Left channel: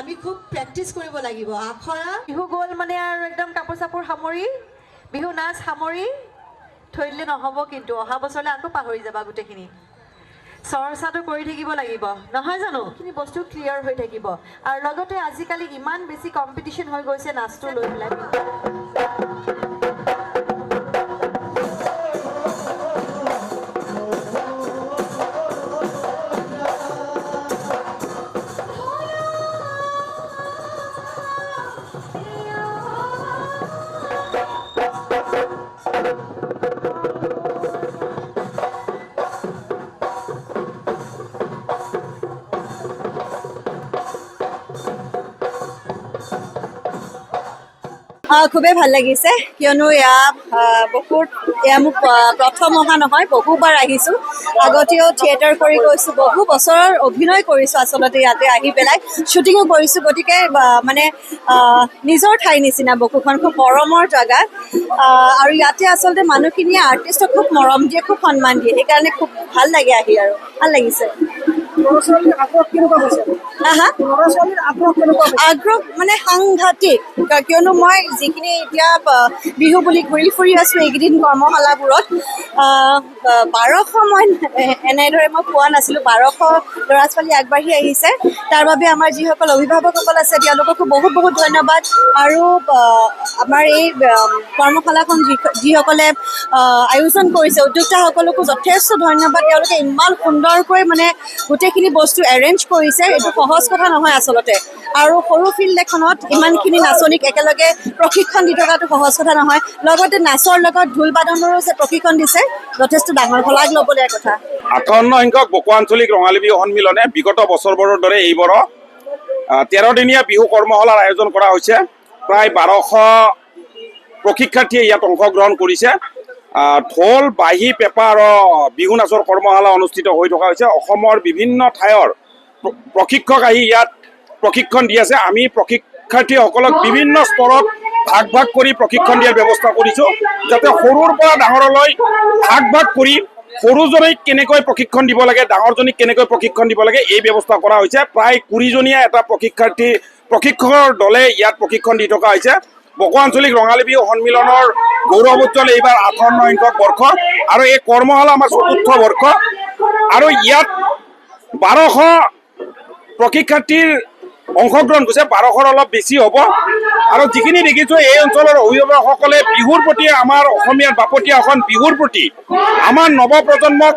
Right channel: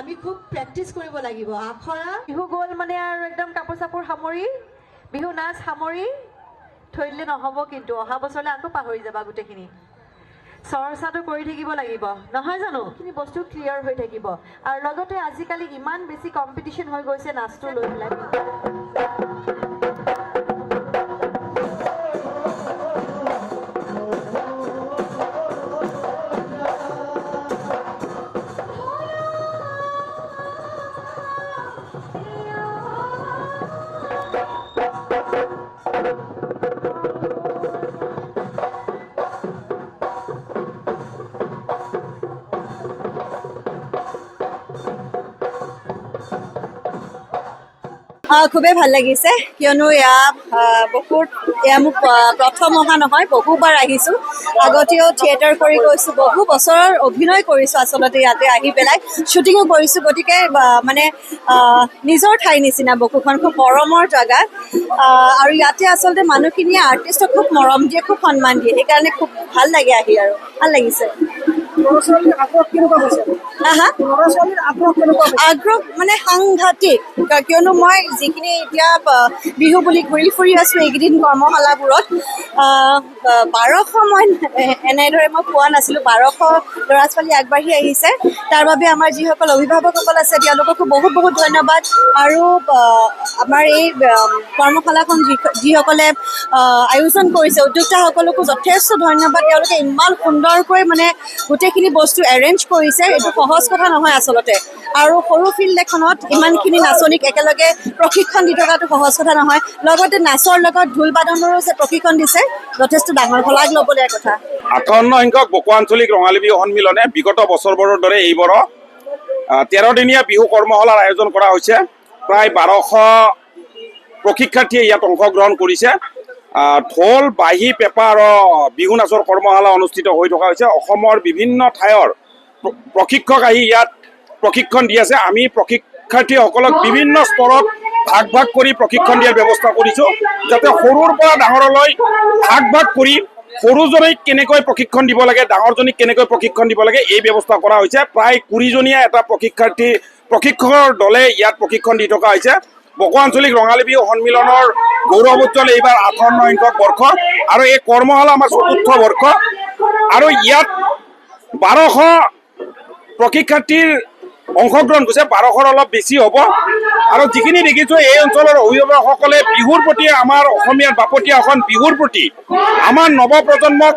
আমি খুব প্ৰেক্টিছ কৰিব লাগিব আখৰা বিহু গ'ল মানে আৰু একদম কাপোৰ চাপোৰ সামৰি বিহু নাচ সামৰি থৈ দিলে নহ'ব কিন্তু অহা বছৰলৈ আকৌ পাহৰি যাবা গোটেইখিনি চৰ্চাটো কৰি থাকিব লাগিব নহয় জানো এইখিনি বস্তু ক্লিয়াৰ হৈ থাকিব আৰু লগতে আজিকালি ইমান বেছি কম্পিটিশ্যন হৈ গৈছে নাচটো লৈ পেলাই খুবেই ভাল লাগিছে কিয়নো এয়া মোক প্ৰথম অহা নহয় বহুবাৰ আহিছোঁ আগতেও থিয়েটাৰ কৰি গৈছোঁ বহু বছৰৰ অভিনয় কৰিছোঁ আচলতে ইয়াতে আহি পেলাই শ্বুটিঙো কৰিছোঁ গতিকে মানে নিজৰ ঠাইৰ নিচিনা বকুখন খুব মৰমৰ জেগা আৰু ইয়াতে আচলতে মানুহখিনিয়ে আৰ্টিষ্টক খুব মৰম দিয়ে খুব সন্মান দিয়ে সেইকাৰণে খুব ভাল লাগে আহি আৰু ভাল লাগিছে আগ্ৰহ মানে সাংঘাতিক কিয়নো মই যিখিনি এতিয়া বিহু বুলি ঘূৰি ফুৰি আছোঁ এইকেইদিন কৰ্মশালাবোৰত 1200 মই এনেদৰে মই পোৱা নাছিলোঁ 1200 ল'ৰা ছোৱালী আগবাঢ়ি আহিছে তাৰ বাবে আমাৰ যিসকল অভিভাৱকসকল আছে তেওঁলোককো বহুত বহুত ধন্যবাদ আৰু আমাৰ এই কৰ্মশালাখন যিসকলে আয়োজন কৰিছে উদ্যোক্তাসকলকো যথেষ্ট ধন্যবাদ তেওঁলোকে ইমান সুন্দৰকৈ মানে গোটেইখিনি বস্তু এৰেঞ্জ কৰিছে এইটো সহজ কথা নহয় আচলতে আৰু সৰু ফিল্ড এখনত ইমানখিনি নাচনীক একেলগে প্ৰশিক্ষণ দি থকাটো সহজ কথা নহয় লগতে নাচৰ লগত ঢোল বাদনৰো যে প্ৰশিক্ষণ দিছে যথেষ্ট ডাঙৰ শলাগ ল'বলগীয়া কথা 58 সংখ্যক বকো আঞ্চলিক ৰঙালী বিহু সন্মিলনে বিগত বছৰবোৰৰ দৰে এইবাৰ 13 দিনীয়া বিহু কৰ্মশালাৰ আয়োজন কৰা হৈছে প্ৰায় 1200 প্ৰশিক্ষাৰ্থীয়ে ইয়াত অংশগ্ৰহণ কৰিছে ঢোল বাঁহী পেঁপা আৰু বিহু নাচৰ কৰ্মশালা অনুষ্ঠিত হৈ থকা হৈছে অসমৰ বিভিন্ন ঠাইৰ প্ৰশিক্ষক আহি ইয়াত প্ৰশিক্ষণ দি আছে আমি প্ৰশিক্ষাৰ্থীসকলক বিভিন্ন স্তৰত ভাগ ভাগ কৰি প্ৰশিক্ষণ দিয়াৰ ব্যৱস্থা কৰিছোঁ যাতে সৰুৰ পৰা ডাঙৰলৈ ভাগ ভাগ কৰি সৰুজনীক কেনেকৈ প্ৰশিক্ষণ দিব লাগে ডাঙৰজনীক কেনেকৈ প্ৰশিক্ষণ দিব লাগে এই ব্যৱস্থা কৰা হৈছে প্ৰায় 20জনীয়া এটা প্ৰশিক্ষকৰ দলে ইয়াত প্ৰশিক্ষণ দি থকা হৈছে বকো আঞ্চলিক ৰঙালী বিহু সন্মিলনৰ গৌৰৱোজ্জ্বল এইবাৰ 58 সংখ্যক বৰ্ষ আৰু এই কৰ্মশালা আমাৰ 4ৰ্থ বৰ্ষ আৰু ইয়াত 1200 প্ৰশিক্ষাৰ্থীৰ অংশগ্ৰহণ কৰিছে 1200ৰ অলপ বেছি হ'ব আৰু যিখিনি দেখিছোঁ এই অঞ্চলৰ অভিভাৱকসকলে বিহুৰ প্ৰতি আমাৰ অসমীয়াৰ বাপতীয়া এখন বিহুৰ প্ৰতি আমাৰ নৱপ্ৰজন্মক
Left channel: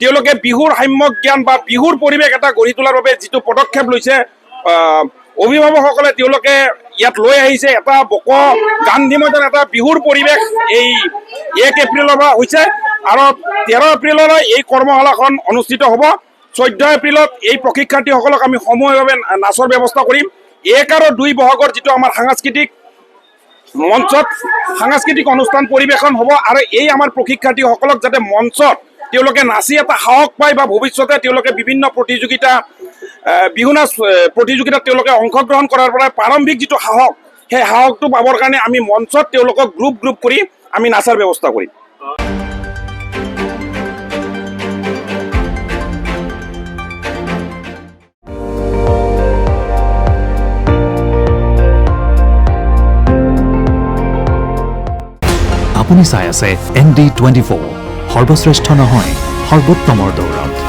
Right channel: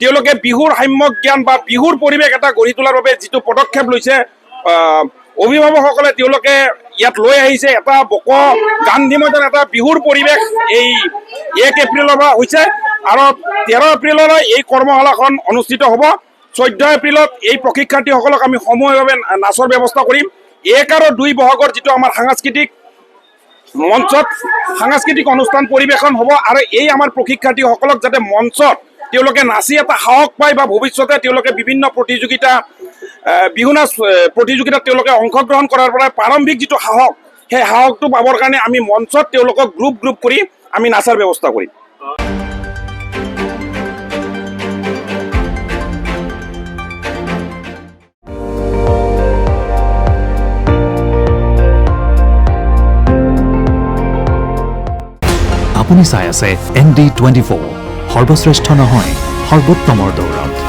তেওঁলোকে বিহুৰ সাম্যক জ্ঞান বা বিহুৰ পৰিৱেশ এটা গঢ়ি তোলাৰ বাবে যিটো পদক্ষেপ লৈছে অভিভাৱকসকলে তেওঁলোকে ইয়াত লৈ আহিছে এটা বকো গান্ধী মৈদান এটা বিহুৰ পৰিৱেশ এই 1 এপ্ৰিলৰ পৰা হৈছে আৰু 13 এপ্ৰিললৈ এই কৰ্মশালাখন অনুষ্ঠিত হ'ব 14 এপ্ৰিলত এই প্ৰশিক্ষাৰ্থীসকলক আমি সমূহীয়াভাৱে নাচৰ ব্যৱস্থা কৰিম 1 আৰু 2 বহাগৰ যিটো আমাৰ সাংস্কৃতিক মঞ্চত সাংস্কৃতিক অনুষ্ঠান পৰিৱেশন হ'ব আৰু এই আমাৰ প্ৰশিক্ষাৰ্থীসকলক যাতে মঞ্চত তেওঁলোকে নাচি এটা সাহস পায় বা ভৱিষ্যতে তেওঁলোকে বিভিন্ন প্ৰতিযোগিতা বিহু নাচ প্ৰতিযোগিতাত তেওঁলোকে অংশগ্ৰহণ কৰাৰ পৰা প্ৰাৰম্ভিক যিটো সাহস সেই সাহসটো পাবৰ কাৰণে আমি মঞ্চত তেওঁলোকক গ্ৰুপ কৰি আমি নাচাৰ ব্যৱস্থা কৰিম আপুনি চাই আছে ND24 সৰ্বশ্ৰেষ্ঠ নহয় সৰ্বোত্তমৰ দৌৰত।